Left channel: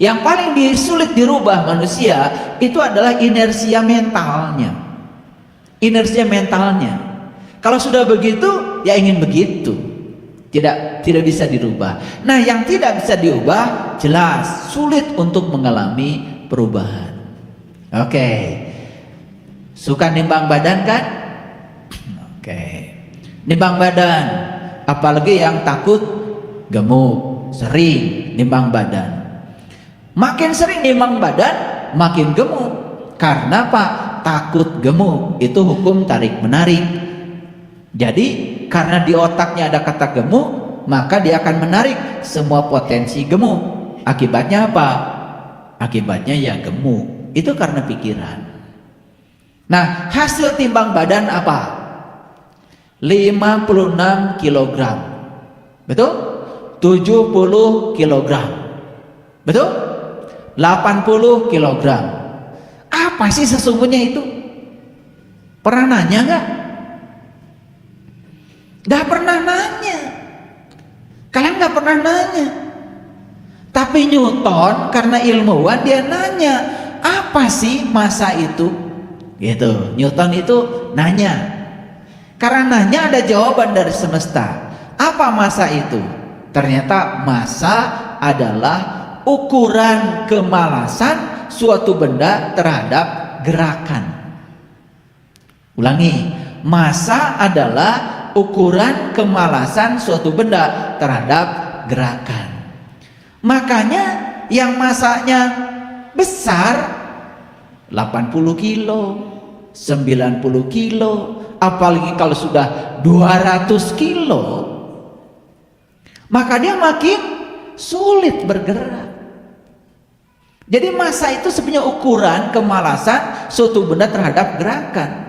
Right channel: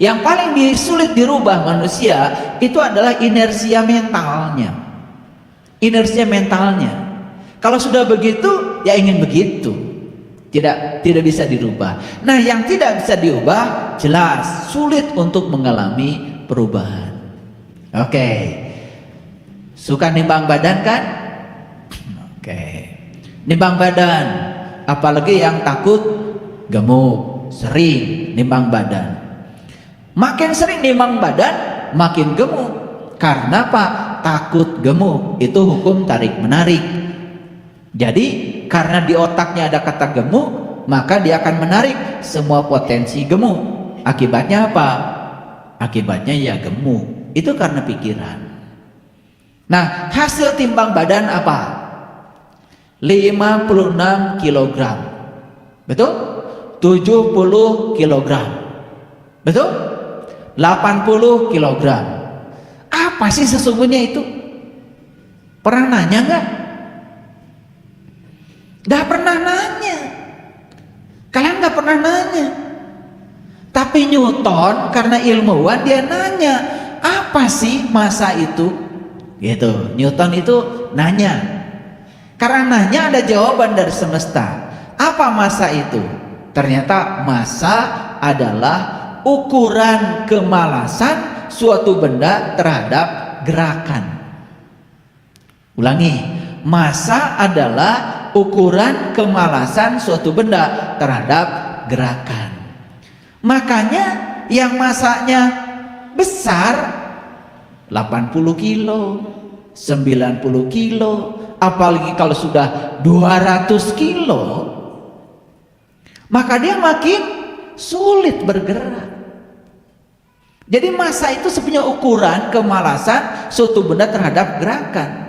Yang paling sulit dirubah manusia itu adalah inersia mentalnya. Inersia mentalnya. Kalau sudah begitu, ya ingin begitu. Tidak bisa dirubah. Nah, yang tidak bisa diubah jelas sulit untuk mengalami perubahan. Oke. Suka nimbang badan kan? Oke. Nimbang badan, apalagi yang takut gemuk, sering nimbang badan. Makin sering nimbang badan, makin gemuk. Karena apa? Takut gemuk. Itu hukum tarik menarik. Jadi karena di otaknya ada kata gemuk, maka dia akan menarik semua potensi gemuk. Akibatnya apa? Akibatnya ya gemuk. Itu karena pikiran. Nah, hasil timbang badan apa? 56 kg. Betul? 70 kg. Betul? 80 kg. Apa sih sesungguhnya itu? Pernah nanya nggak? Nggak pernah nanya. Kalian nggak pernah nanya. Tapi Newton karena ilmuwan dia nanya, apa sih massa itu? Gitu. Newton itu nanya. Karena nanya ada jawaban dari semesta. Apa massa itu? Ternyata massa adalah ukuran kemalasan suatu benda terhadap gerakan. Ulangi, massa adalah ukuran kemalasan suatu benda terhadap gerakan. Makanya yang massanya besar 80 kilo, 90 kilo, apalagi kalau sudah 200 kilo, maka dia makin sulit bergerak. Jadi massa itu sebenarnya ukuran kemalasan suatu benda terhadap gerakan.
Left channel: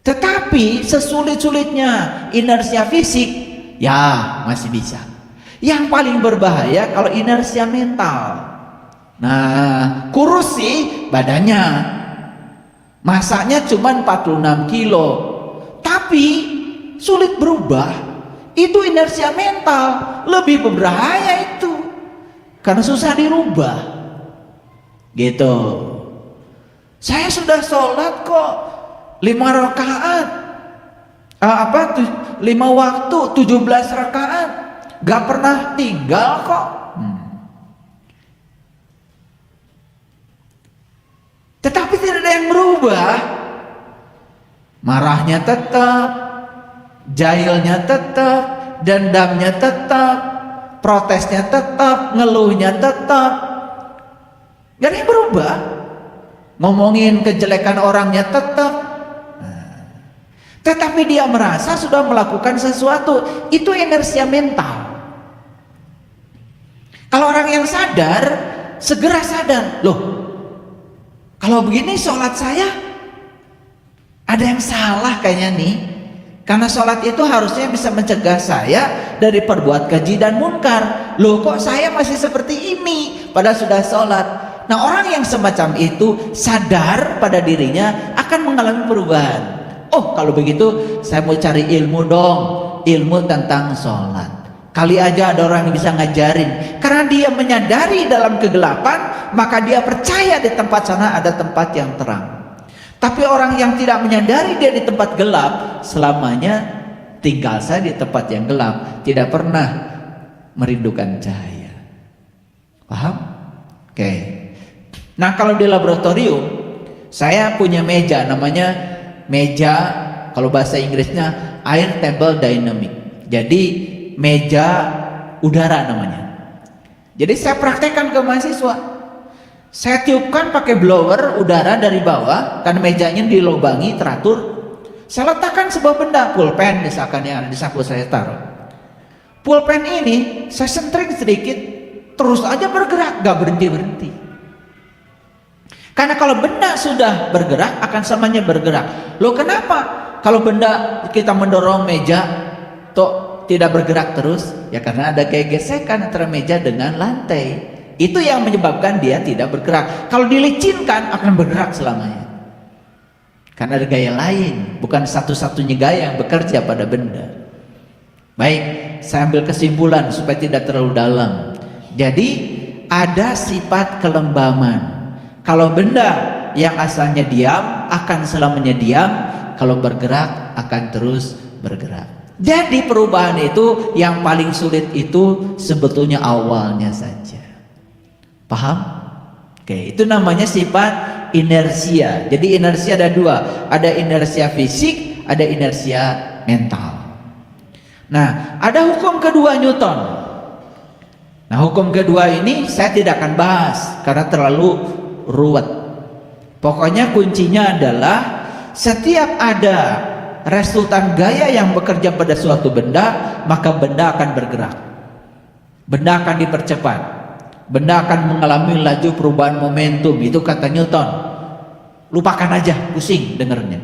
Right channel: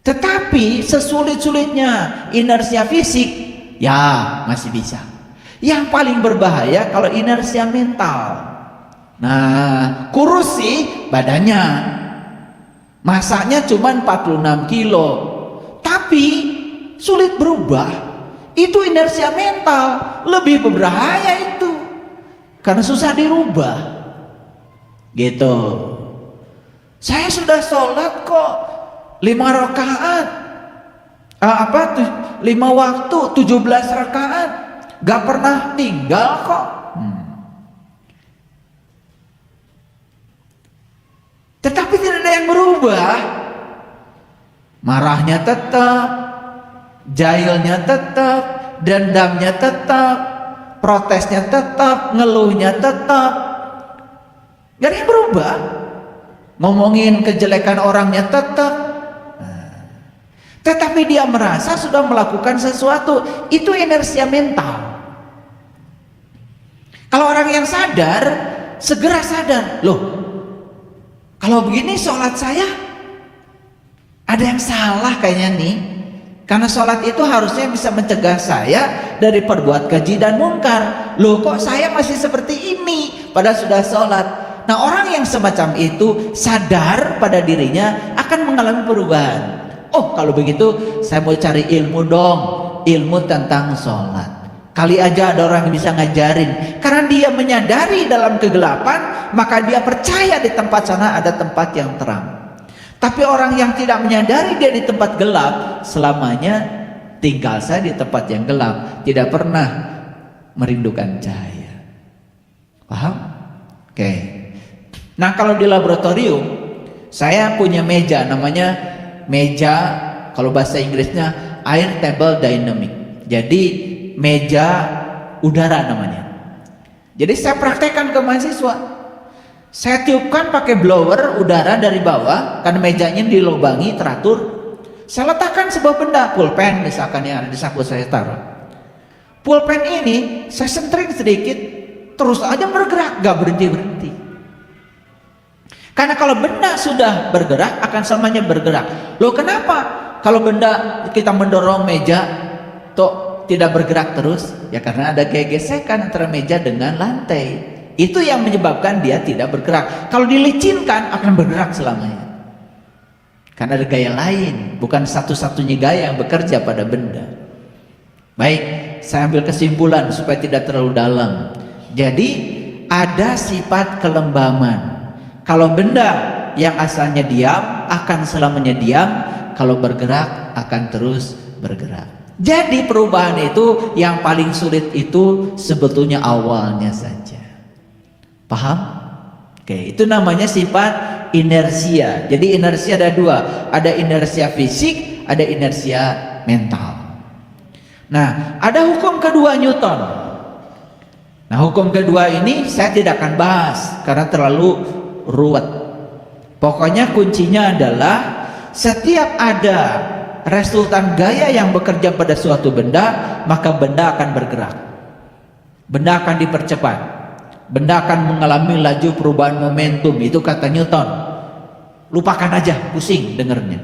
Tetapi sesulit-sulitnya inersia fisik, ya masih bisa. Yang paling berbahaya kalau inersia mental. Nah, kurus sih badannya, masanya cuma 46 kilo, tapi sulit berubah. Itu inersia mental, lebih berbahaya itu, karena susah dirubah. Gitu. Saya sudah sholat kok 5 rakaat, 5 waktu 17 rakaat, gak pernah tinggal kok. Tetapi tidak ada yang berubah. Marahnya tetap, jahilnya tetap, dendamnya tetap, protesnya tetap, ngeluhnya tetap. Gak ada yang berubah. Ngomongin kejelekan orangnya tetap. Tetapi dia merasa sudah melakukan sesuatu. Itu inersia mental. Kalau orang yang sadar, segera sadar. Loh, kalau begini sholat saya ada yang salah kayaknya nih. Karena sholat itu harusnya bisa mencegah saya dari perbuat keji dan mungkar. Loh, kok saya masih seperti ini padahal sudah sholat. Nah, orang yang semacam itu sadar pada dirinya akan mengalami perubahan. Oh, kalau begitu saya mau cari ilmu dong, ilmu tentang sholat. Kali aja ada orang yang bisa ngajarin. Karena dia menyadari dalam kegelapan, maka dia percaya di tempat sana ada tempat yang terang. Tapi orang yang tidak menyadari dia di tempat gelap, selamanya tinggal saya di tempat yang gelap, tidak pernah merindukan cahaya. Paham? Oke. Nah, kalau di laboratorium saya punya meja, namanya meja, kalau bahasa Inggrisnya air table dynamic. Jadi meja udara namanya. Jadi saya praktekkan ke mahasiswa. Saya tiupkan pakai blower udara dari bawah, karena mejanya dilubangi teratur. Saya letakkan sebuah benda, pulpen misalkan yang di saku saya taruh. Pulpen ini saya sentring sedikit, terus aja bergerak, gak berhenti-berhenti. Karena kalau benda sudah bergerak, akan semuanya bergerak. Loh, kenapa? Kalau benda kita mendorong meja, toh tidak bergerak terus? Ya karena ada gesekan antara meja dengan lantai. Itu yang menyebabkan dia tidak bergerak. Kalau dilicinkan akan bergerak selamanya. Karena ada gaya lain, bukan satu-satunya gaya yang bekerja pada benda. Baik, saya ambil kesimpulan supaya tidak terlalu dalam. Jadi ada sifat kelembaman. Kalau benda yang asalnya diam akan selamanya diam, kalau bergerak akan terus bergerak. Jadi perubahan itu yang paling sulit itu sebetulnya awalnya saja. Paham? Oke, itu namanya sifat inersia. Jadi inersia ada dua, ada inersia fisik, ada inersia mental. Nah, ada hukum kedua Newton. Nah, hukum kedua ini saya tidak akan bahas karena terlalu ruwet. Pokoknya kuncinya adalah setiap ada resultan gaya yang bekerja pada suatu benda, maka benda akan bergerak. Benda akan dipercepat. Benda akan mengalami laju perubahan momentum. Itu kata Newton. Lupakan aja, pusing dengernya.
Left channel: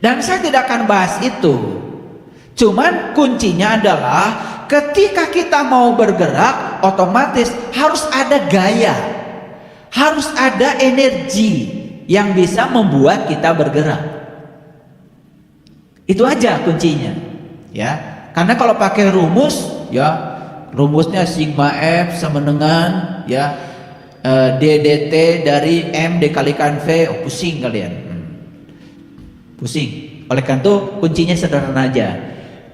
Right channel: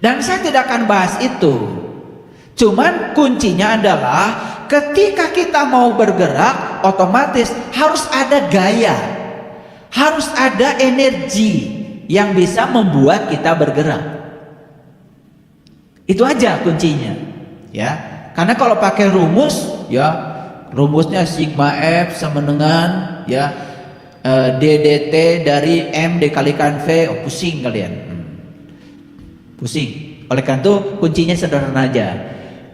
Dan saya tidak akan bahas itu. Cuman kuncinya adalah ketika kita mau bergerak, otomatis harus ada gaya. Harus ada energi yang bisa membuat kita bergerak. Itu aja kuncinya, ya. Karena kalau pakai rumus, ya, rumusnya sigma F sama dengan ya ddt dari M dikalikan V, pusing kalian. Pusing. Oleh karena itu kuncinya sederhana aja.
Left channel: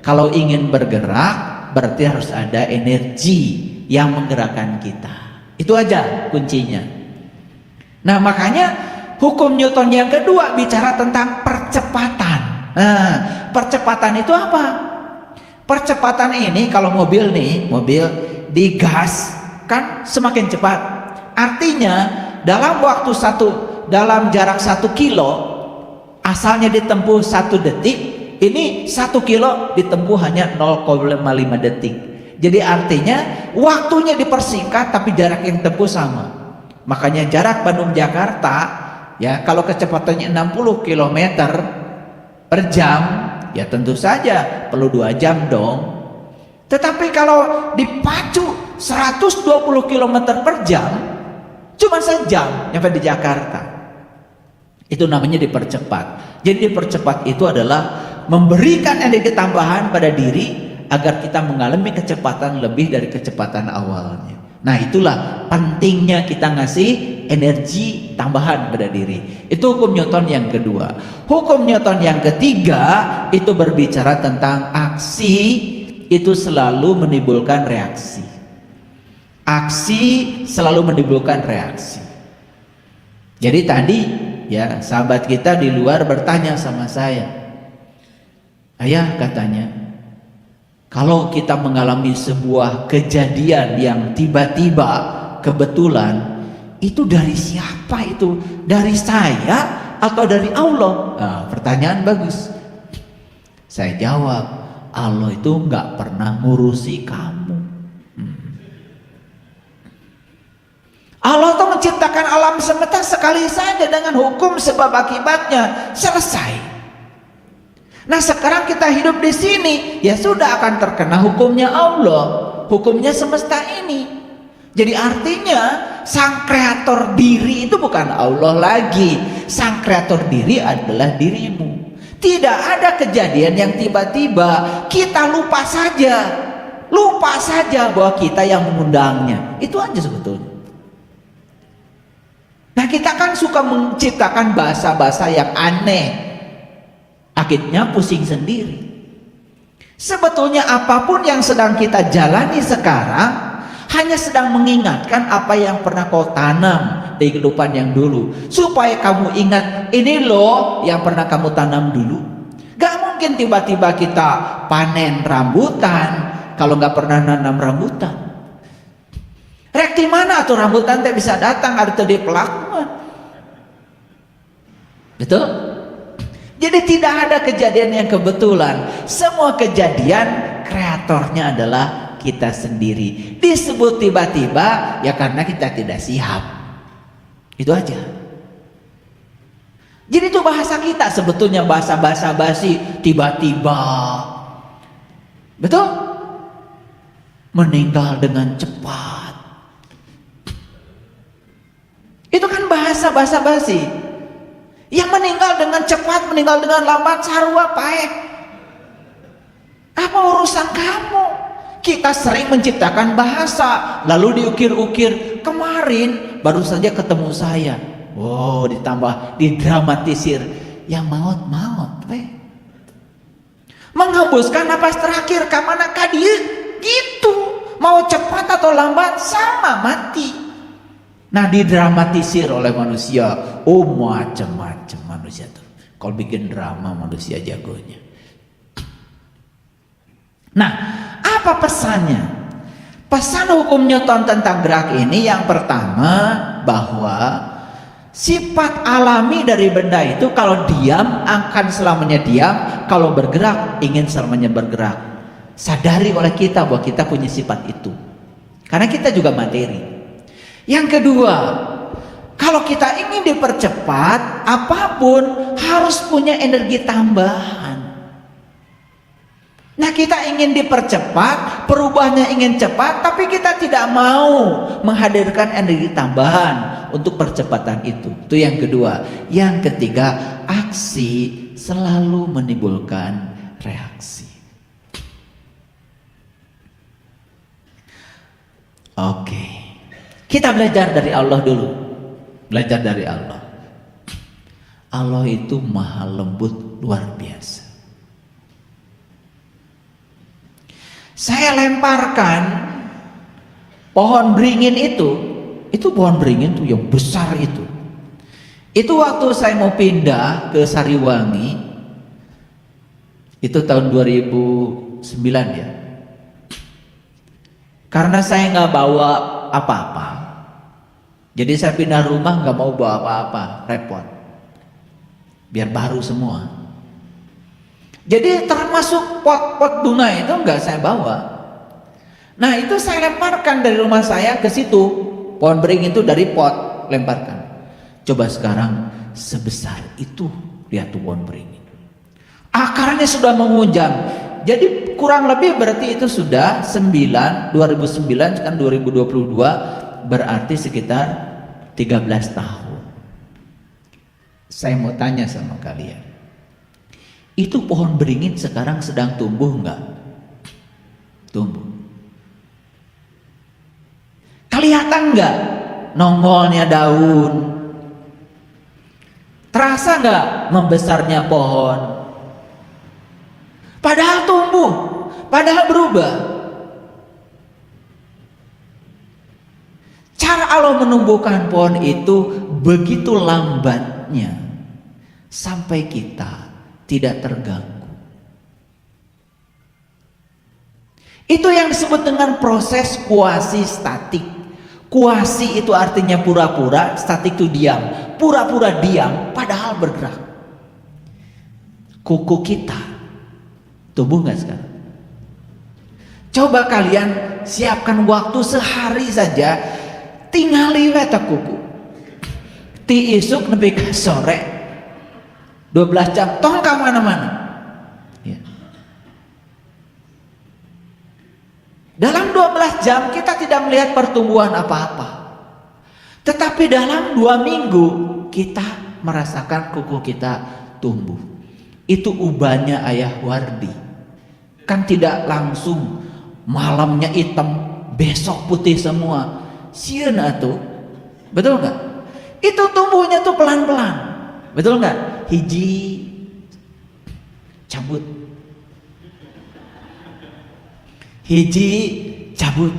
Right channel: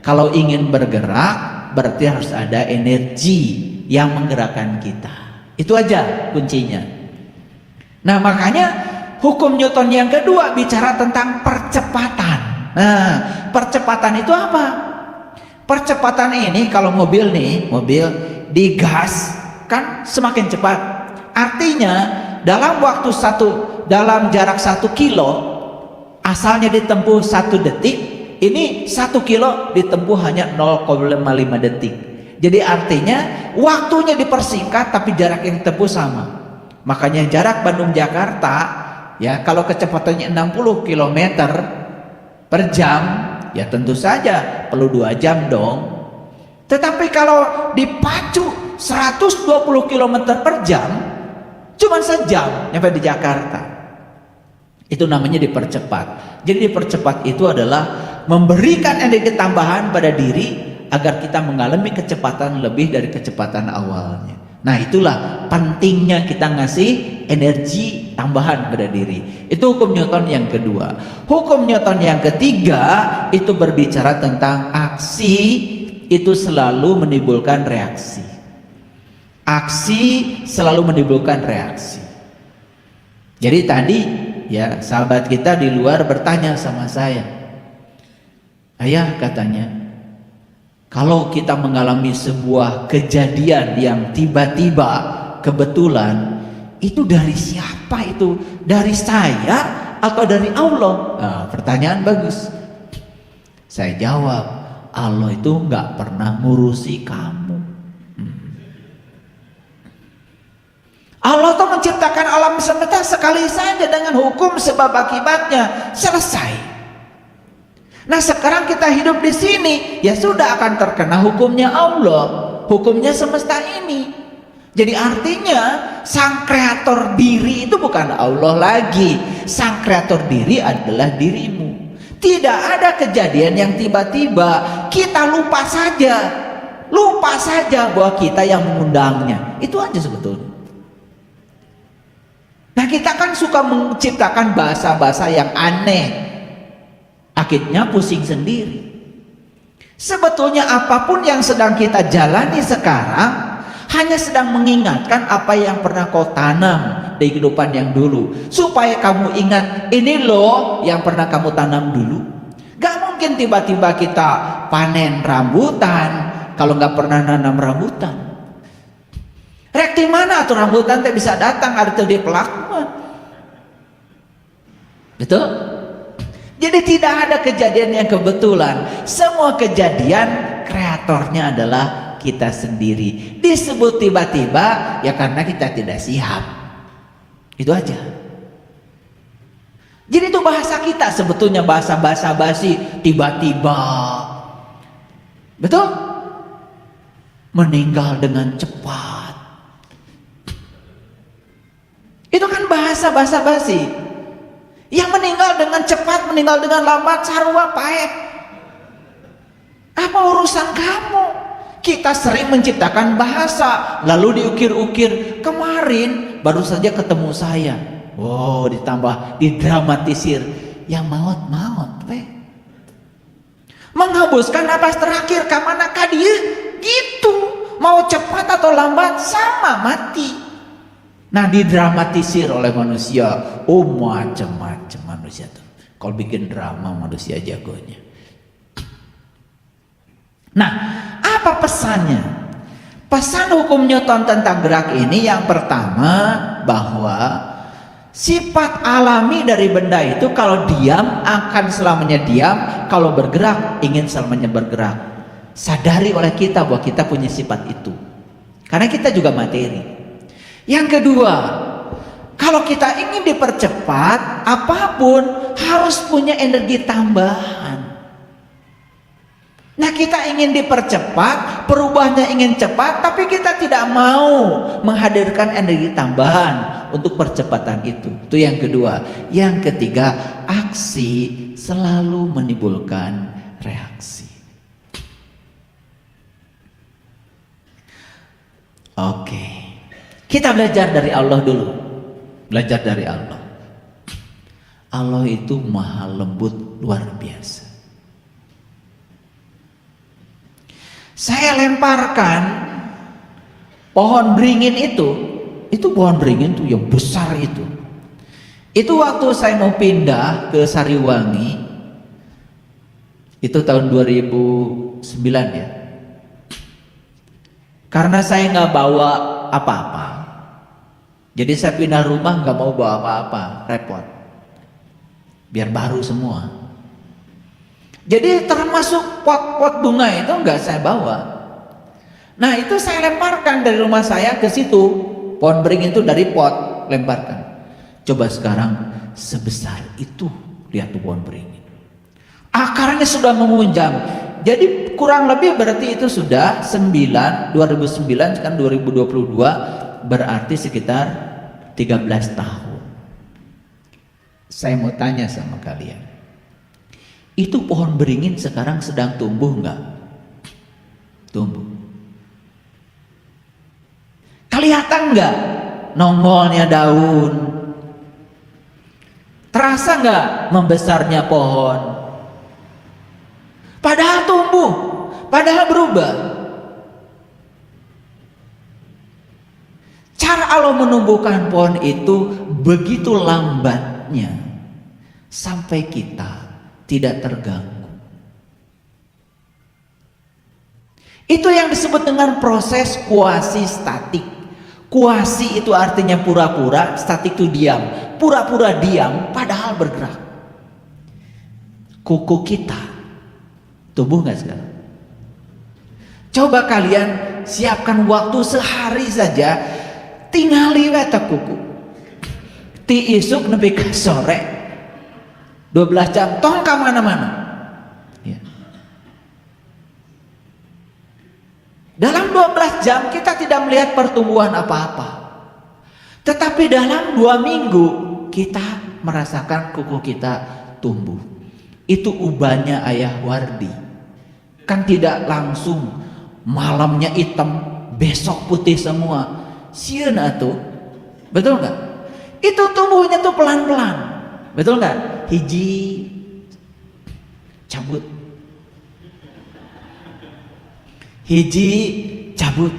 Kalau ingin bergerak, berarti harus ada energi yang menggerakkan kita. Itu aja kuncinya. Nah, makanya hukum Newton yang kedua bicara tentang percepatan. Nah, percepatan itu apa? Percepatan ini kalau mobil nih, mobil digas kan semakin cepat. Artinya dalam waktu dalam jarak 1 kilo, asalnya ditempuh 1 detik, ini 1 kilo ditempuh hanya 0,5 detik. Jadi artinya waktunya dipersingkat tapi jarak yang ditempuh sama. Makanya jarak Bandung-Jakarta, ya, kalau kecepatannya 60 km per jam, ya tentu saja perlu 2 jam dong. Tetapi kalau dipacu 120 km per jam, cuma sejam sampai di Jakarta. Itu namanya dipercepat. Jadi dipercepat itu adalah memberikan energi tambahan pada diri agar kita mengalami kecepatan lebih dari kecepatan awalnya. Nah, itulah pentingnya kita ngasih energi tambahan pada diri. Itu hukum Newton yang kedua. Hukum Newton yang ketiga itu berbicara tentang aksi itu selalu menimbulkan reaksi. Aksi selalu menimbulkan reaksi. Jadi tadi ya sahabat kita di luar bertanya sama saya, ayah katanya, kalau kita mengalami sebuah kejadian yang tiba-tiba kebetulan, itu dari siapa itu? Dari saya atau dari Allah? Nah, pertanyaan bagus. Saya jawab, Allah itu nggak pernah ngurusi kamu. Allah itu menciptakan alam semesta sekali saja dengan hukum sebab akibatnya, selesai. Nah, sekarang kita hidup di sini, ya sudah akan terkena hukumnya Allah, hukumnya semesta ini. Jadi artinya sang kreator diri itu bukan Allah lagi, sang kreator diri adalah dirimu. Tidak ada kejadian yang tiba-tiba kita lupa saja bahwa kita yang mengundangnya. Itu aja sebetulnya. Nah, kita kan suka menciptakan bahasa-bahasa yang aneh. Akhirnya pusing sendiri. Sebetulnya apapun yang sedang kita jalani sekarang hanya sedang mengingatkan apa yang pernah kau tanam di kehidupan yang dulu. Supaya kamu ingat, ini loh yang pernah kamu tanam dulu. Gak mungkin tiba-tiba kita panen rambutan kalau gak pernah nanam rambutan. Rek di mana tuh rambutan tak bisa datang ada tuh di pelakuan. Betul? Jadi tidak ada kejadian yang kebetulan. Semua kejadian kreatornya adalah kita sendiri. Disebut tiba-tiba ya karena kita tidak siap. Itu aja. Jadi itu bahasa kita sebetulnya bahasa basi tiba-tiba. Betul? Meninggal dengan cepat. Itu kan bahasa basi. Yang meninggal dengan cepat, meninggal dengan lambat, sarua paek. Apa urusan kamu? Kita sering menciptakan bahasa, lalu diukir-ukir. Kemarin baru saja ketemu saya. Wow, ditambah didramatisir. Yang maut-maut. Menghembuskan napas terakhir ke manakah dia? Gitu. Mau cepat atau lambat sama mati. Nah, didramatisir oleh manusia. Oh, macam-macam manusia tuh. Kalau bikin drama manusia jagonya. Nah, apa pesannya? Pesan hukum Newton tentang gerak ini yang pertama, bahwa sifat alami dari benda itu kalau diam akan selamanya diam, kalau bergerak ingin selamanya bergerak. Sadari oleh kita bahwa kita punya sifat itu. Karena kita juga materi. Yang kedua, kalau kita ingin dipercepat, apapun harus punya energi tambahan. Nah, kita ingin dipercepat, perubahannya ingin cepat, tapi kita tidak mau menghadirkan energi tambahan untuk percepatan itu. Itu yang kedua. Yang ketiga, aksi selalu menimbulkan reaksi. Oke. Kita belajar dari Allah dulu. Belajar dari Allah. Allah itu maha lembut, luar biasa. Saya lemparkan pohon beringin itu pohon beringin itu yang besar itu. Itu waktu saya mau pindah ke Sariwangi, itu tahun 2009 ya. Karena saya nggak bawa apa-apa, jadi saya pindah rumah nggak mau bawa apa-apa, repot. Biar baru semua. Jadi termasuk pot-pot bunga itu nggak saya bawa. Nah, itu saya lemparkan dari rumah saya ke situ. Pohon beringin itu dari pot, lemparkan. Coba sekarang sebesar itu, lihat tuh pohon beringin. Akarnya sudah mengunjam. Jadi kurang lebih berarti itu sudah 2009 sekarang 2022, berarti sekitar 13 tahun. Saya mau tanya sama kalian. Itu pohon beringin sekarang sedang tumbuh enggak? Tumbuh. Kelihatan enggak nongolnya daun? Terasa enggak membesarnya pohon? Padahal tumbuh, padahal berubah. Cara Allah menumbuhkan pohon itu begitu lambatnya sampai kita tidak terganggu. Itu yang disebut dengan proses kuasi statik. Kuasi itu artinya pura-pura, statik itu diam. Pura-pura diam padahal bergerak. Kuku kita tumbuh nggak sekarang? Coba kalian siapkan waktu sehari saja, tinggal liwat kuku. Ti isuk nepi ka sore 12 jam tong ke mana-mana. Ya. Dalam 12 jam kita tidak melihat pertumbuhan apa-apa. Tetapi dalam 2 minggu kita merasakan kuku kita tumbuh. Itu ubahnya Ayah Wardi. Kan tidak langsung malamnya hitam, besok putih semua. Sieun atuh. Betul nggak? Itu tumbuhnya tuh pelan-pelan. Betul nggak? Hiji cabut, hiji cabut,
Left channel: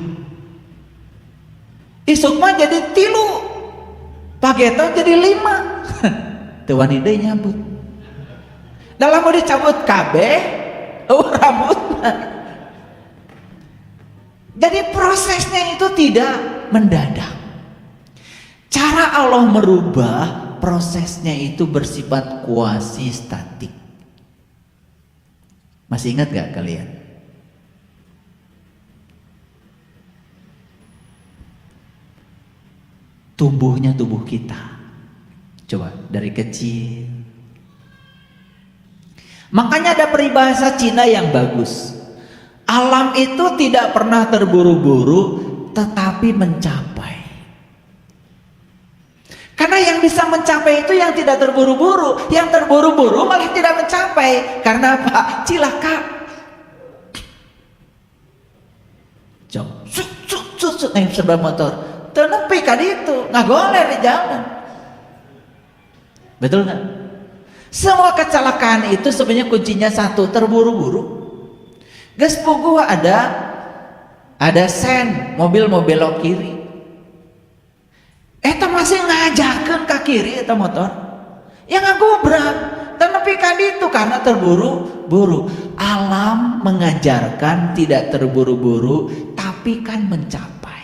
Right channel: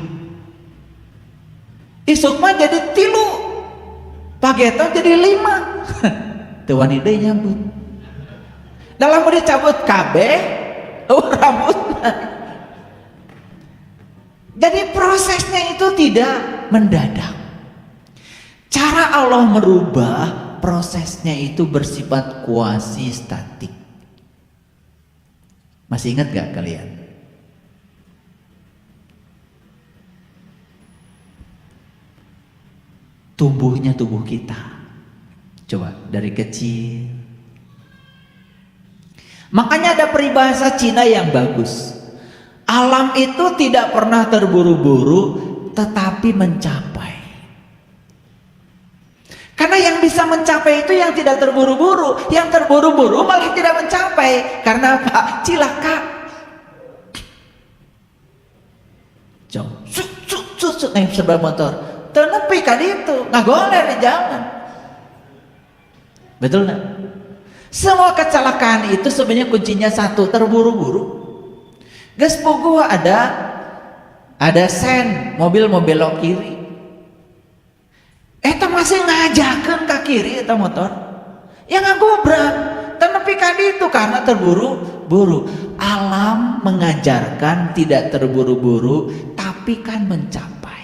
isuk mah jadi 3, pageto jadi 5. Tuan ide nyambut. Dalam udah cabut kabeh, rambut. Jadi prosesnya itu tidak mendadak. Cara Allah merubah prosesnya itu bersifat kuasi statik. Masih ingat gak kalian? Tumbuhnya tubuh kita. Coba dari kecil. Makanya ada peribahasa Cina yang bagus. Alam itu tidak pernah terburu-buru, tetapi mencapai. Karena yang bisa mencapai itu yang tidak terburu-buru. Yang terburu-buru malah tidak mencapai. Karena apa? Cilaka. susut nih sebab motor tenepi kan itu nggak boleh di jalan. Betul nggak? Semua kecelakaan itu sebenarnya kuncinya satu, terburu-buru. Gas pugu ada sen mobil belok kiri. Eta masih ngajakan ke kiri eta motor. Yang ngagubrak, tenepi kan itu karena terburu-buru. Alam mengajarkan tidak terburu-buru, tapi kan mencapai.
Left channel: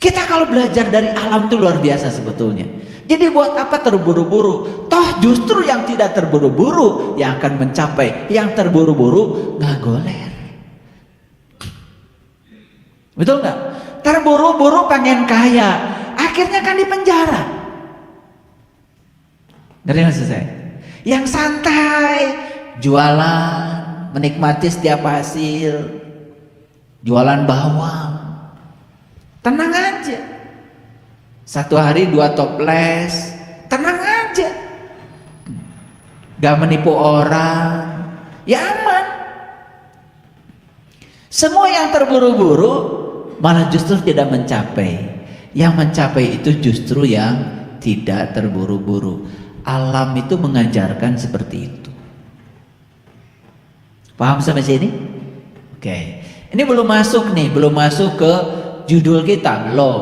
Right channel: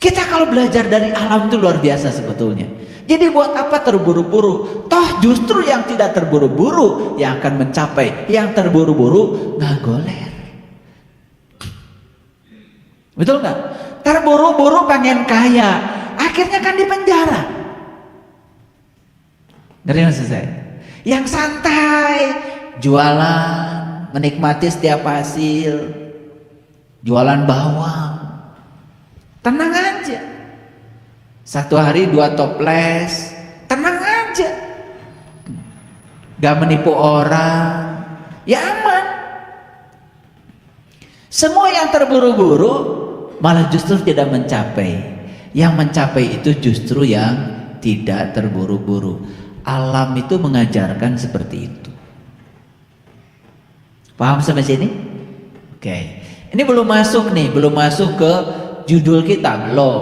Kita kalau belajar dari alam itu luar biasa sebetulnya. Jadi buat apa terburu-buru? Toh justru yang tidak terburu-buru yang akan mencapai. Yang terburu-buru nggak goler. Betul nggak? Terburu-buru pengen kaya, akhirnya kan di penjara. Ngerti maksud saya? Yang santai, jualan, menikmati setiap hasil, jualan bawang, tenang aja. Satu hari 2 toples, tenang aja. Gak menipu orang, ya aman. Semua yang terburu-buru malah justru tidak mencapai. Yang mencapai itu justru yang tidak terburu-buru. Alam itu mengajarkan seperti itu. Paham sampai sini? Oke. Ini belum masuk nih, belum masuk ke judul kita, belum.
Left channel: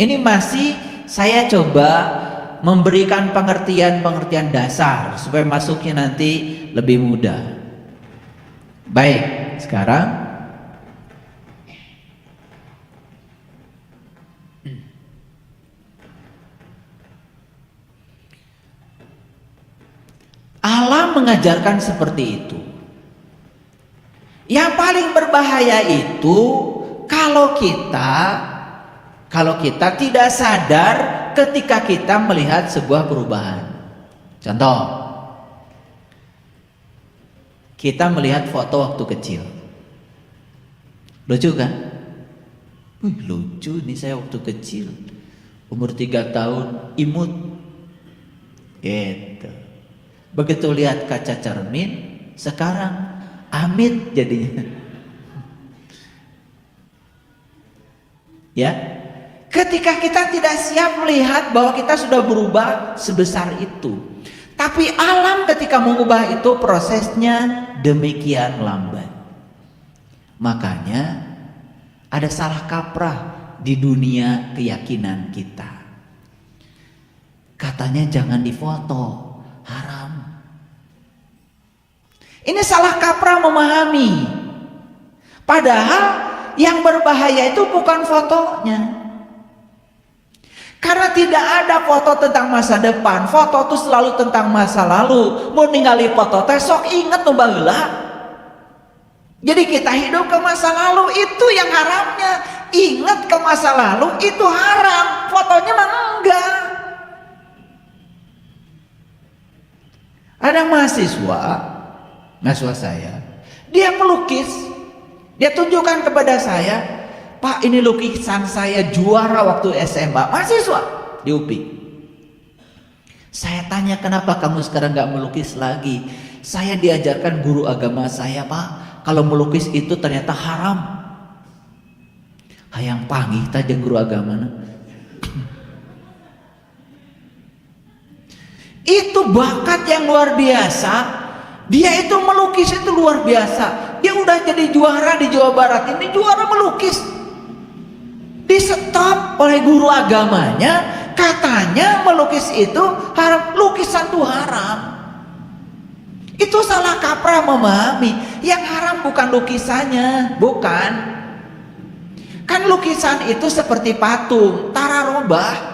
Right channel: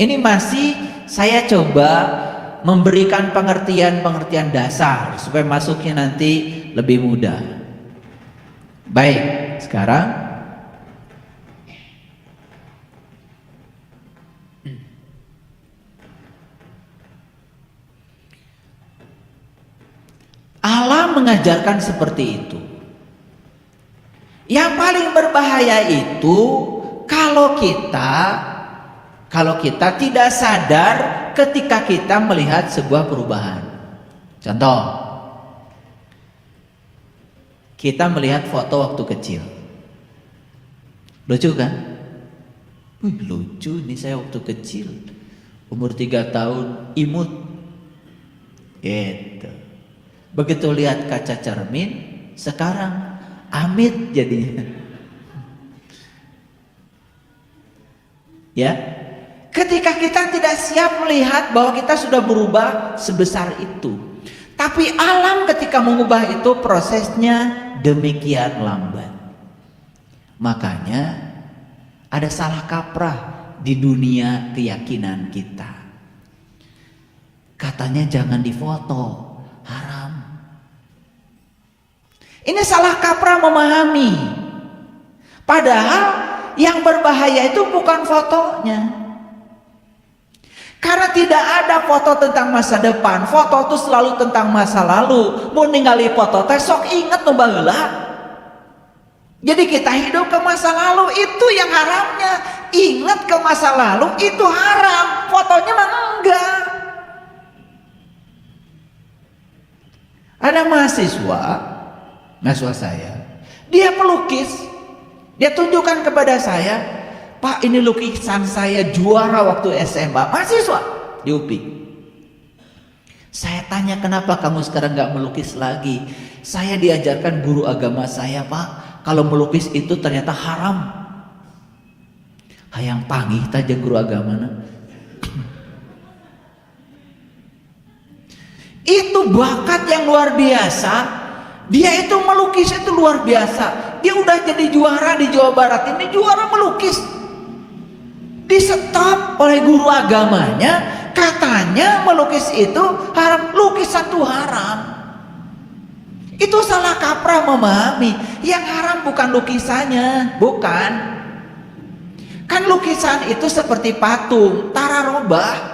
Ini masih saya coba memberikan pengertian dasar supaya masuknya nanti lebih mudah. Baik, sekarang alam mengajarkan seperti itu. Yang paling berbahaya itu kalau kita tidak sadar ketika kita melihat sebuah perubahan. Contoh, kita melihat foto waktu kecil. Lucu kan? Lucu nih saya waktu kecil. Umur 3 tahun, imut. Gitu. Begitu lihat kaca cermin, sekarang amit jadinya. Ya, ketika kita tidak siap melihat bahwa kita sudah berubah sebesar itu. Tapi alam ketika mengubah itu prosesnya demikian lambat. Makanya ada salah kaprah di dunia keyakinan kita. Katanya jangan difoto, haram. Ini salah kaprah memahami. Padahal yang berbahaya itu bukan fotonya. Karena tidak ada foto tentang masa depan. Foto itu selalu tentang masa lalu. Mau ningali foto teh sok inget tuh baheula. Jadi kita hidup ke masa lalu itu yang haramnya. Ingat ke masa lalu itu haram. Fotonya mah enggak. Ada mahasiswa saya, dia melukis, dia tunjukkan kepada saya, Pak ini lukisan saya juara waktu SMA, mahasiswa di UPI. Saya tanya kenapa kamu sekarang gak melukis lagi? Saya diajarkan guru agama saya, Pak, kalau melukis itu ternyata haram. Hayang panggih taja guru agama. Itu bakat yang luar biasa. Dia itu melukis itu luar biasa. Dia udah jadi juara di Jawa Barat ini, juara melukis. Di stop oleh guru agamanya, katanya melukis itu haram, lukisan itu haram. Itu salah kaprah memahami. Yang haram bukan lukisannya, bukan. Kan lukisan itu seperti patung, tara rubah.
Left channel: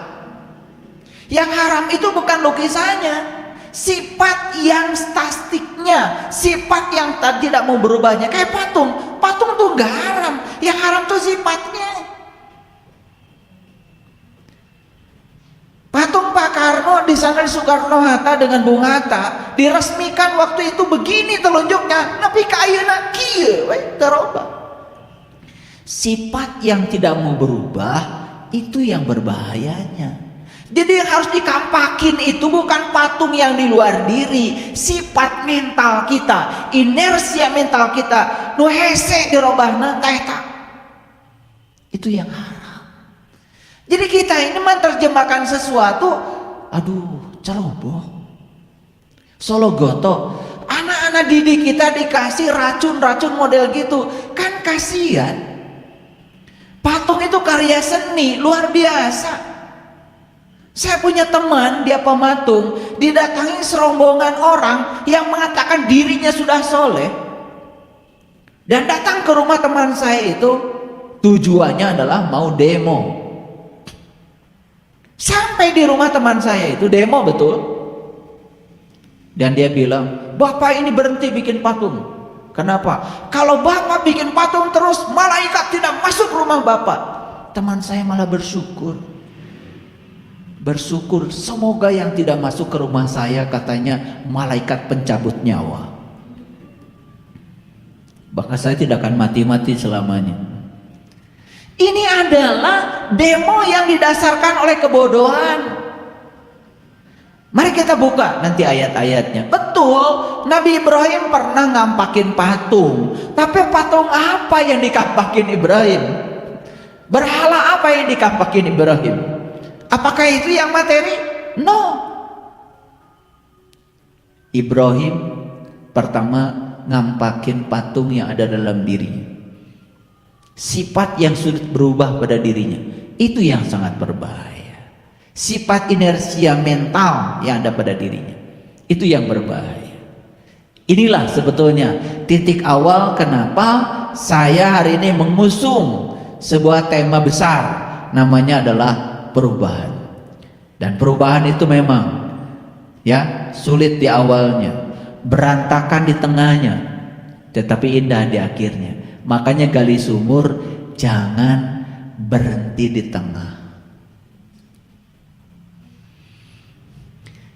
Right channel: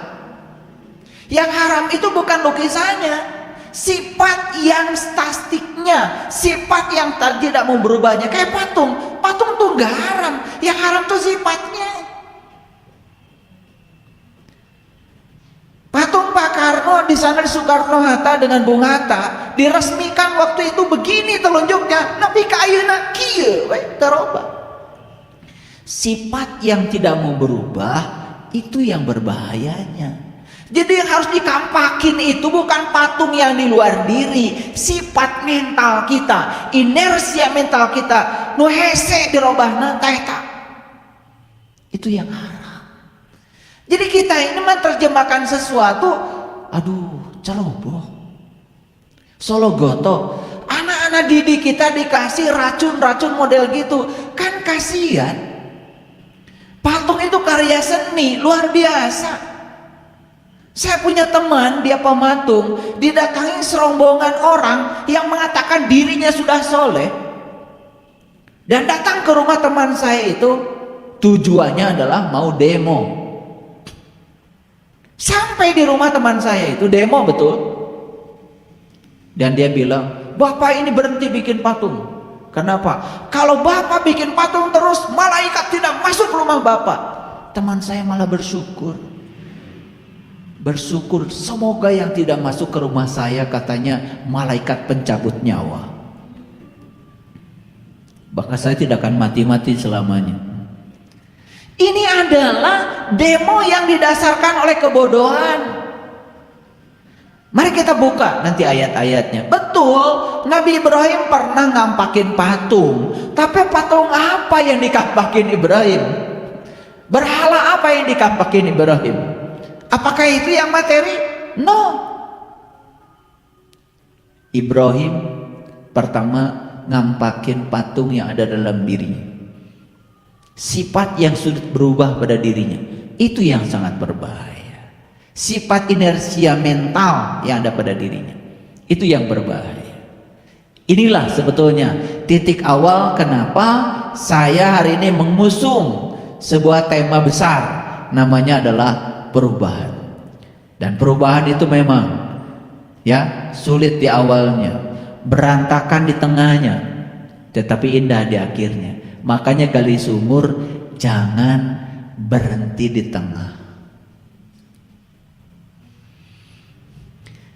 Yang haram itu bukan lukisannya, sifat yang statiknya, sifat yang tidak mau berubahnya. Kayak patung tuh nggak haram, yang haram tuh sifatnya. Patung Pak Karno di sana Soekarno-Hatta dengan Bung Hatta diresmikan waktu itu begini telunjuknya, tapi kayeuna kieu we terobah. Sifat yang tidak mau berubah itu yang berbahayanya. Jadi yang harus dikampakin itu bukan patung yang di luar diri, sifat mental kita, inersia mental kita, nu hese dirobahna teh eta. Itu yang haram. Jadi kita ini menerjemahkan sesuatu, aduh, ceroboh, sologoto. Anak-anak didik kita dikasih racun-racun model gitu, kan kasihan. Patung itu karya seni luar biasa. Saya punya teman, dia pematung, didatangi serombongan orang yang mengatakan dirinya sudah soleh, dan datang ke rumah teman saya itu tujuannya adalah mau demo. Sampai di rumah teman saya itu demo betul, dan dia bilang, "Bapak ini berhenti bikin patung. Kenapa? Kalau Bapak bikin patung terus, malaikat tidak masuk rumah Bapak." Teman saya malah bersyukur, semoga yang tidak masuk ke rumah saya, katanya, malaikat pencabut nyawa. Bahkan saya tidak akan mati-mati selamanya. Ini adalah demo yang didasarkan oleh kebodohan. Mari kita buka nanti ayat-ayatnya. Betul, Nabi Ibrahim pernah nampakin patung. Tapi patung apa yang dikampakin Ibrahim? Berhala apa yang dikampakin Ibrahim? Apakah itu yang materi? No. Ibrahim pertama ngampakin patung yang ada dalam dirinya. Sifat yang sulit berubah pada dirinya. Itu yang sangat berbahaya. Sifat inersia mental yang ada pada dirinya. Itu yang berbahaya. Inilah sebetulnya titik awal kenapa saya hari ini mengusung sebuah tema besar. Namanya adalah perubahan. Dan perubahan itu memang ya sulit di awalnya, berantakan di tengahnya, tetapi indah di akhirnya. Makanya gali sumur jangan berhenti di tengah.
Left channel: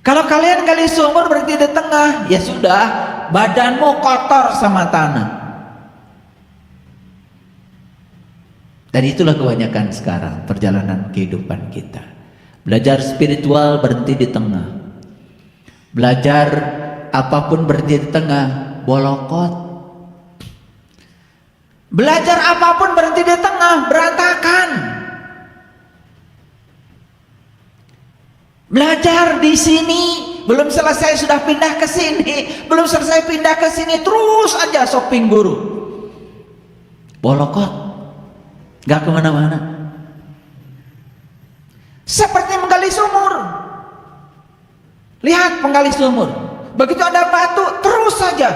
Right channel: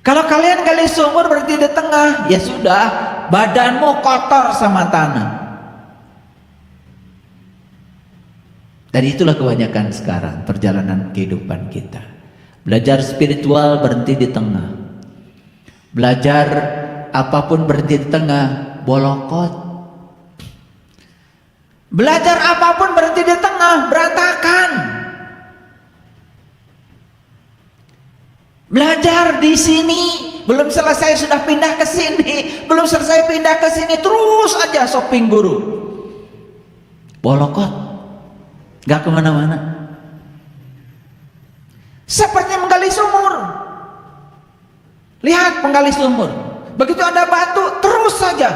Kalau kalian gali sumur berhenti di tengah, ya sudah, badanmu kotor sama tanah. Dan itulah kebanyakan sekarang perjalanan kehidupan kita. Belajar spiritual berhenti di tengah. Belajar apapun berhenti di tengah, bolokot. Belajar apapun berhenti di tengah, berantakan. Belajar di sini, belum selesai sudah pindah ke sini, belum selesai pindah ke sini, terus aja shopping buru. Bolokot, gak kemana-mana. Seperti menggali sumur. Lihat penggali sumur, begitu ada batu, terus saja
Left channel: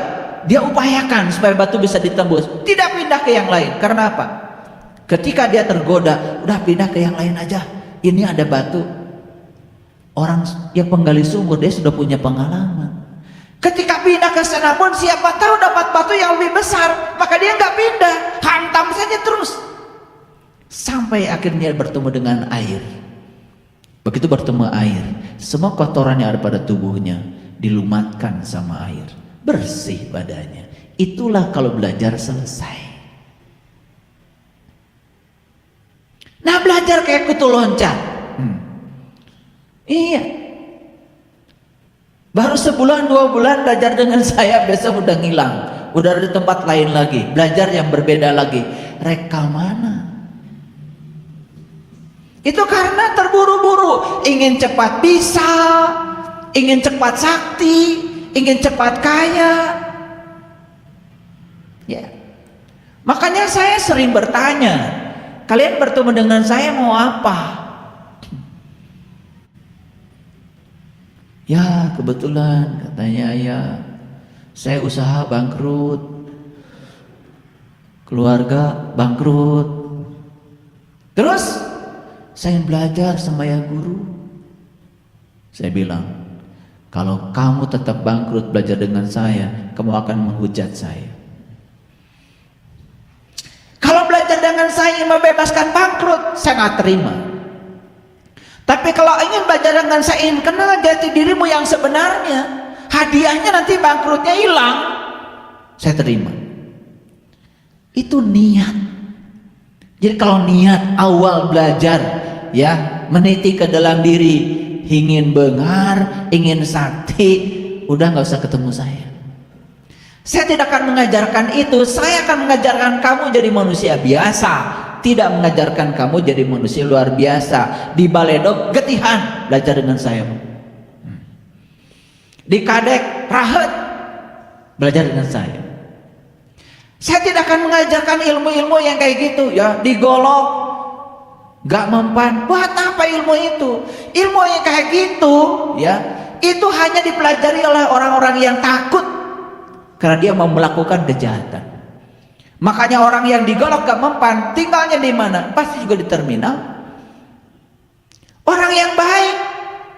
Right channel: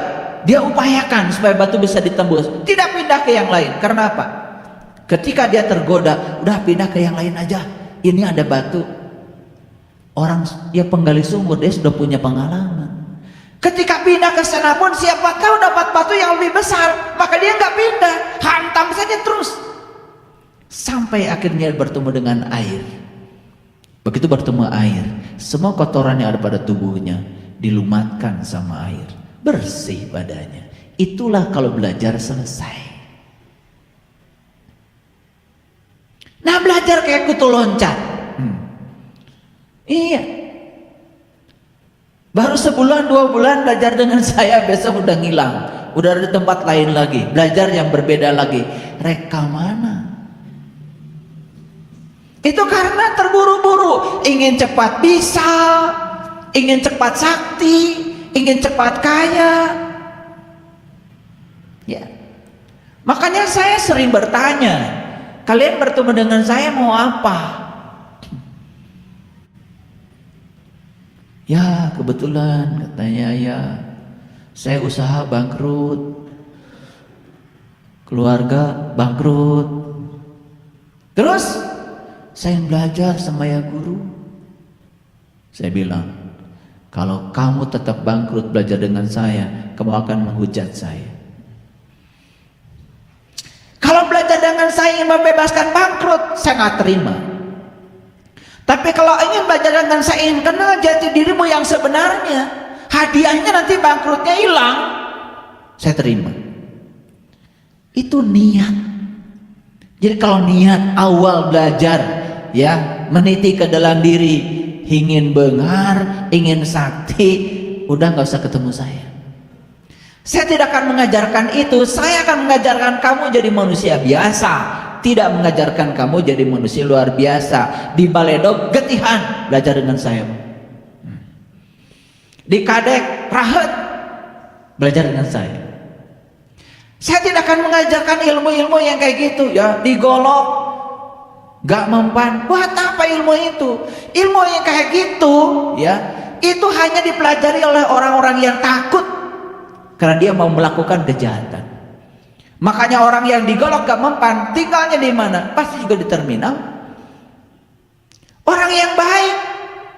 dia upayakan supaya batu bisa ditembus, tidak pindah ke yang lain. Karena apa? Ketika dia tergoda, udah pindah ke yang lain aja. Ini ada batu. Orang yang penggali sumur dia sudah punya pengalaman. Ketika pindah ke sana pun siapa tahu dapat batu yang lebih besar, maka dia nggak pindah, hantam saja terus sampai akhirnya bertemu dengan air. Begitu bertemu air, semua kotoran yang ada pada tubuhnya dilumatkan sama air. Bersih badannya. Itulah kalau belajar selesai. Nah, belajar kayak kutu loncat. Iya. Baru sebulan 2 bulan belajar dengan saya, besok udah ngilang. Udah ada tempat lain lagi. Belajar yang berbeda lagi. Reka mana? Itu karena terburu-buru. Ingin cepat bisa. Ingin cepat sakti. Ingin cepat kaya. Ya. Makanya saya sering bertanya, kalian bertemu dengan saya mau apa? Ya kebetulan katanya ya, saya usaha bangkrut, keluarga bangkrut. Terus saya belajar sama ya guru. Saya bilang, kalau kamu tetap bangkrut belajar dengan saya, kamu akan menghujat saya. Kalau belajar dengan saya membebaskan bangkrut, saya nggak terima. Tapi kalau ingin belajar dengan saya, ingin kenal jati dirimu yang sebenarnya, hadiahnya nanti bangkrutnya hilang, saya terima. Itu niat. Jadi kalau niat awal belajar, ya meniti ke dalam diri, ingin bengar, ingin sakti, udah nggak usah ketemu saya. Saya tidak akan mengajarkan itu. Saya akan mengajarkan kamu jadi manusia biasa, tidak mengajarkan kamu jadi manusia luar biasa. Di Baledog getihan, belajar dengan saya. Di Kadek rahet, belajar dengan saya. Saya tidak akan mengajarkan ilmu-ilmu yang kayak gitu ya. Di Golok gak mempan. Buat apa ilmu itu? Ilmu yang kayak gitu ya, itu hanya dipelajari oleh orang-orang yang takut karena dia mau melakukan kejahatan. Makanya orang yang digolok gak mempan, tinggalnya di mana? Pasti juga di terminal. Orang yang baik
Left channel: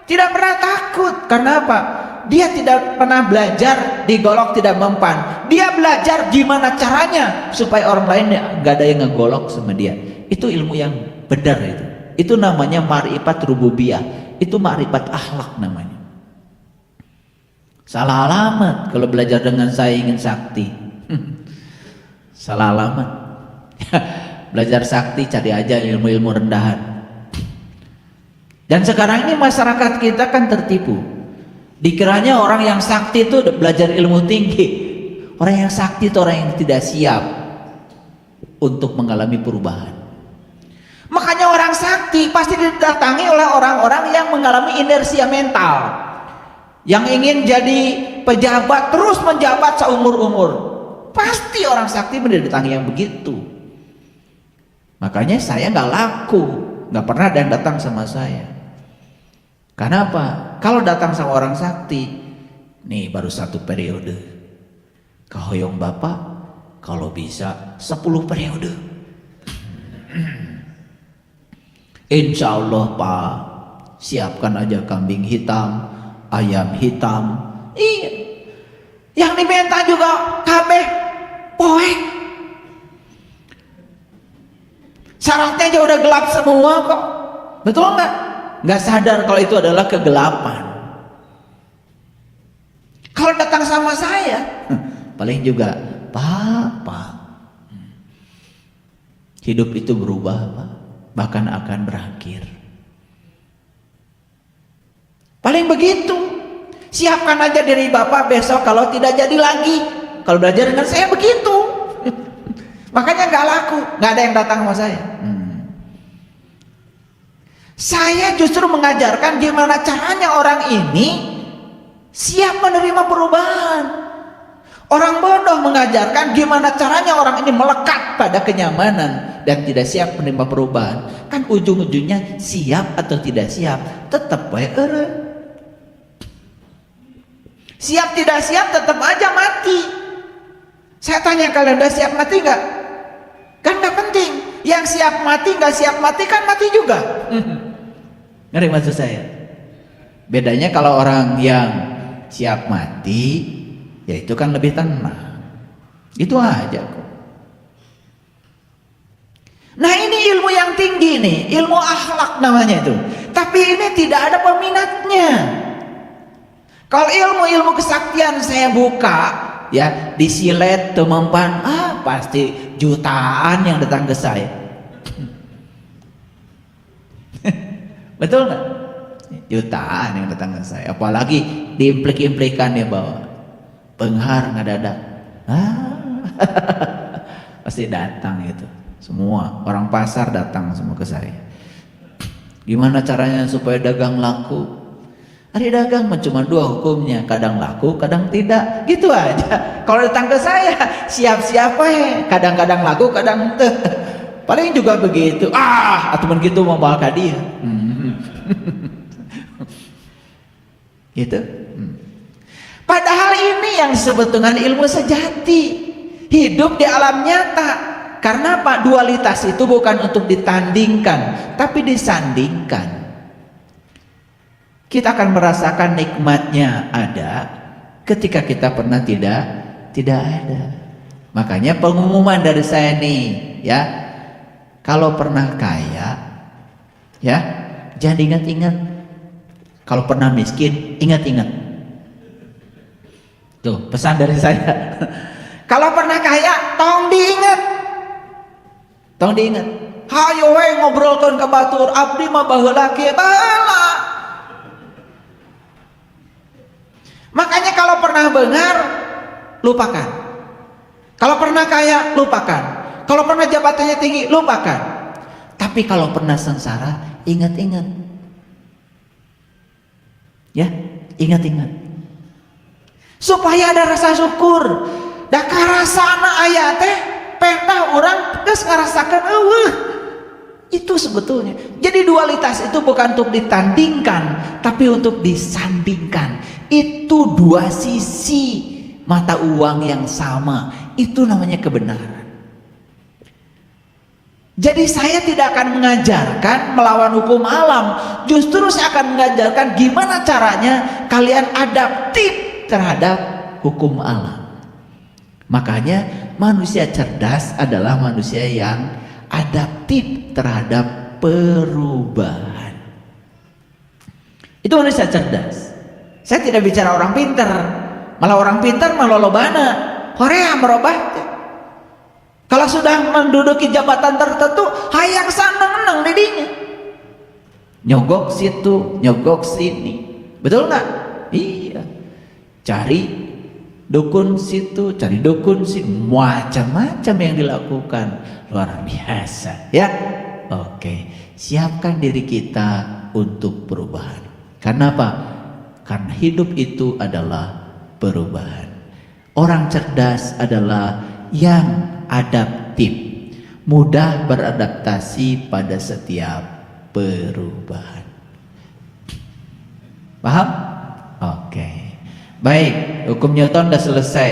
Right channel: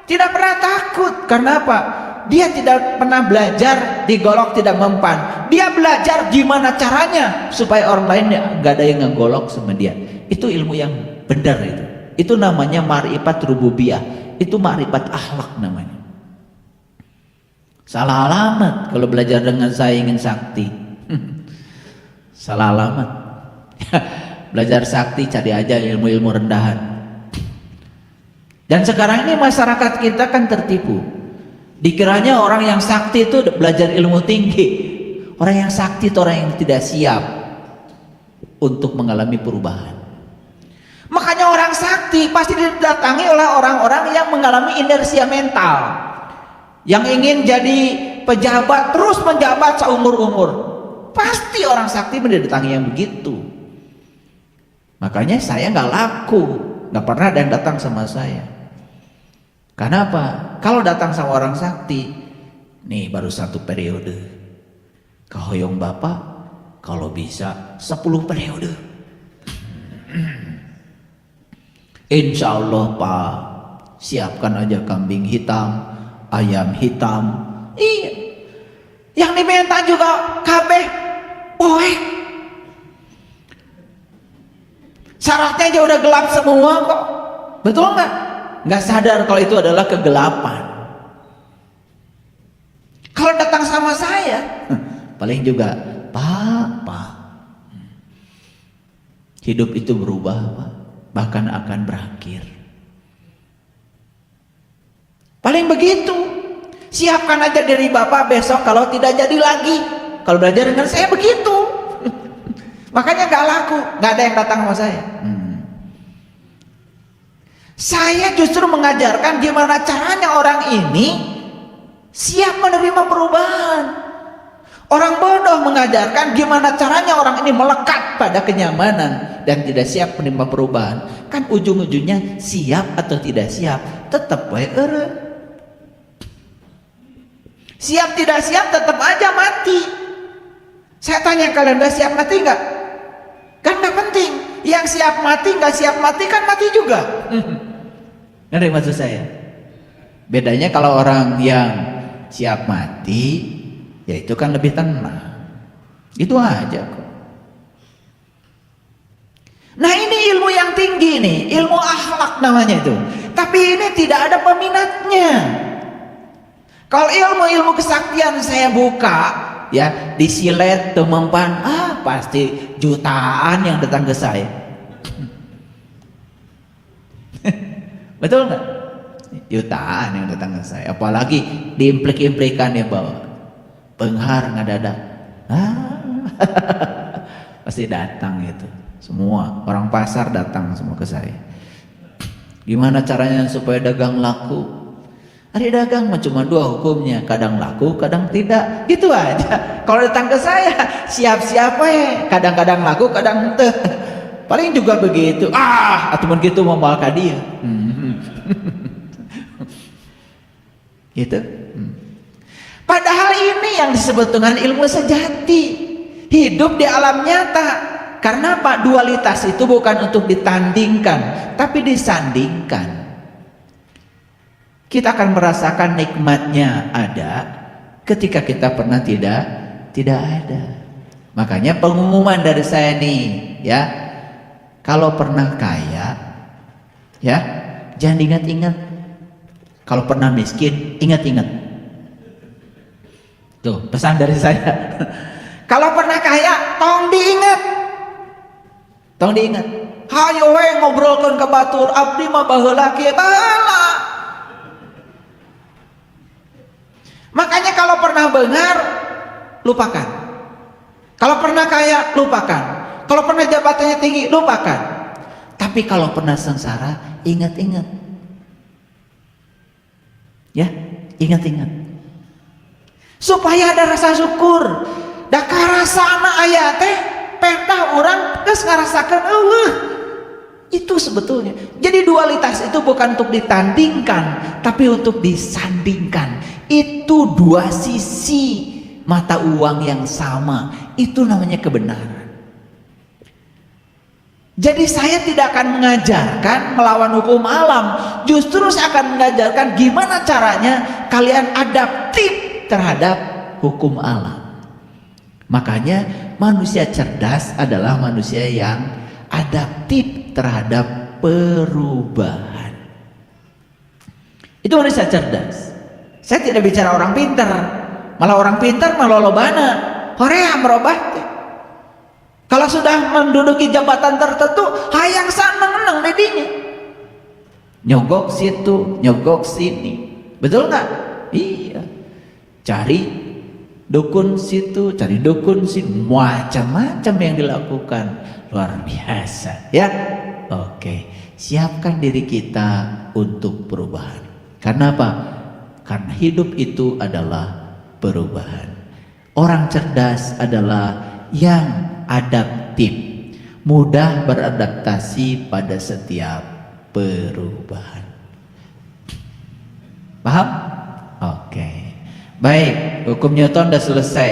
tidak pernah takut. Karena apa? Dia tidak pernah belajar digolok tidak mempan. Dia belajar gimana caranya supaya orang lain gak ada yang ngegolok sama dia. Itu ilmu yang benar itu. Itu namanya ma'rifat rububiyah. Itu ma'rifat akhlak namanya. Salah alamat kalau belajar dengan saya ingin sakti. Salah alamat. Belajar sakti cari aja ilmu-ilmu rendahan. Dan sekarang ini masyarakat kita kan tertipu. Dikiranya orang yang sakti itu belajar ilmu tinggi. Orang yang sakti itu orang yang tidak siap untuk mengalami perubahan. Makanya orang sakti pasti didatangi oleh orang-orang yang mengalami inersia mental, yang ingin jadi pejabat, terus menjabat seumur-umur. Pasti orang sakti mendatangi yang begitu. Makanya saya nggak laku, nggak pernah ada yang datang sama saya. Karena apa? Kalau datang sama orang sakti, nih baru 1 periode. Kahoyong Bapak, kalau bisa 10 periode. Insya Allah Pak, siapkan aja kambing hitam, ayam hitam. Iya. Yang diminta juga kabeh poe. Syaratnya aja udah gelap semua kok. Betul nggak? Nggak sadar kalau itu adalah kegelapan. Kalau datang sama saya, paling juga Pak, hidup itu berubah Pak, bahkan akan berakhir. Paling begitu. Siapkan aja diri Bapak besok kalau tidak jadi lagi. Kalau belajar dengan saya begitu. Makanya nggak laku, nggak ada yang datang sama saya. Saya justru mengajarkan gimana caranya orang ini siap menerima perubahan. Orang bodoh mengajarkan gimana caranya orang ini melekat pada kenyamanan dan tidak siap menerima perubahan. Kan ujung-ujungnya siap atau tidak siap tetap baik orang. Siap tidak siap tetap aja mati. Saya tanya, kalian udah siap mati nggak? Kan nggak penting. Yang siap mati nggak siap mati kan mati juga. Ngerti maksud saya? Bedanya kalau orang yang siap mati, ya itu kan lebih tenang. Itu aja kok. Nah ini ilmu yang tinggi nih, ilmu akhlak namanya itu. Tapi ini tidak ada peminatnya. Kalau ilmu-ilmu kesaktian saya buka, ya di silet temampan, pasti jutaan yang datang ke saya. Betul nggak? Jutaan yang datang ke saya. Apalagi diimplik-implikan ya bahwa penghar ngadadak. Pasti datang itu. Semua orang pasar datang semua ke saya. Gimana caranya supaya dagang laku? Hari dagang mah cuma 2 hukumnya, kadang laku, kadang tidak, gitu aja. Kalau datang ke saya, siap-siap kadang-kadang laku, kadang tidak. Paling juga begitu. Ataupun gitu membawa dia. Gitu. Padahal ini yang disebut dengan ilmu sejati. Hidup di alam nyata. Karena apa? Dualitas itu bukan untuk ditandingkan, tapi disandingkan. Kita akan merasakan nikmatnya ada ketika kita pernah tidak ada. Makanya pengumuman dari saya nih, ya, kalau pernah kaya, ya, jangan ingat-ingat. Kalau pernah miskin, ingat-ingat. Tuh pesan dari saya. Kalau pernah kaya, tolong diingat. Tolong diingat. Hayo we ngobrolkeun ke batur, abdi mah baheula kieu baheula. Makanya kalau pernah benar, lupakan. Kalau pernah kaya, lupakan. Kalau pernah jabatannya tinggi, lupakan. Tapi kalau pernah sengsara, ingat-ingat. Ya, ingat-ingat. Supaya ada rasa syukur. Nah, karasana ayat teh pernah orang geus ngarasakeun Allah. Itu sebetulnya. Jadi dualitas itu bukan untuk ditandingkan, tapi untuk disandingkan. Itu dua sisi mata uang yang sama. Itu namanya kebenaran. Jadi saya tidak akan mengajarkan melawan hukum alam. Justru saya akan mengajarkan gimana caranya kalian adaptif terhadap hukum alam. Makanya manusia cerdas adalah manusia yang adaptif terhadap perubahan. Itu manusia cerdas. Saya tidak bicara orang pintar. Malah orang pintar melolobana. Horea berubah. Kalau sudah menduduki jabatan tertentu, hayang saneng-neng di dini. Nyogok situ, nyogok sini. Betul nggak? Iya. Cari dukun situ, cari dukun sini. Macam-macam yang dilakukan. Luar biasa. Ya? Oke. Siapkan diri kita untuk perubahan. Karena apa? Karena hidup itu adalah perubahan. Orang cerdas adalah yang adaptif, mudah beradaptasi pada setiap perubahan. Paham? Oke. Baik, hukum Newton sudah selesai.